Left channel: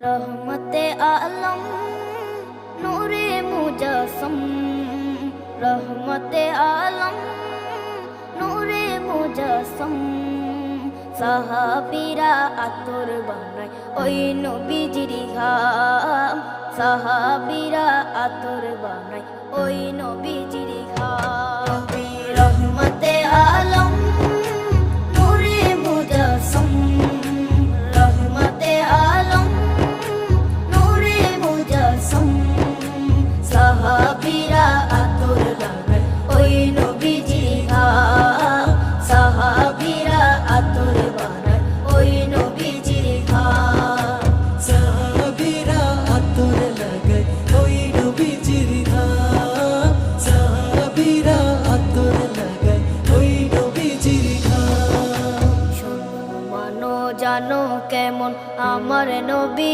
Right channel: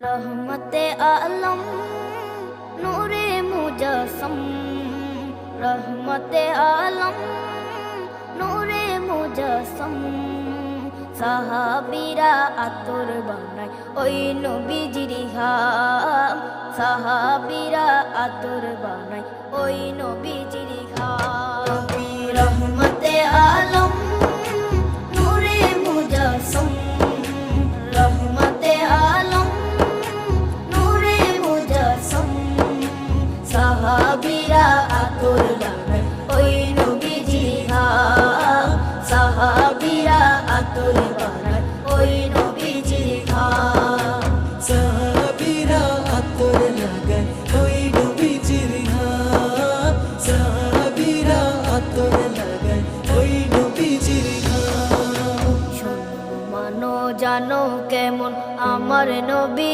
रहमते आलम नूरे मुजस्सम, रहमते आलम नूरे मुजस्सम। সাহাবীরা আতর বানায় ওই নবীজির ঘাম, সাহাবীরা আতর বানায় ওই নবীজির ঘাম। নবী রহমতে আলম নূরে মুজস্সম, রহমতে আলম নূরে মুজস্সম। সাহাবীরা আতর বানায় ওই নবীজির ঘাম, সাহাবীরা আতর বানায় ওই নবীজির ঘাম। সাহাবীরা আতর লাগায় ওই নবীজির ঘাম, সাহাবীরা আতর লাগায় ওই নবীজির ঘাম। শোনো মানো জানো কেমন আমার নবী।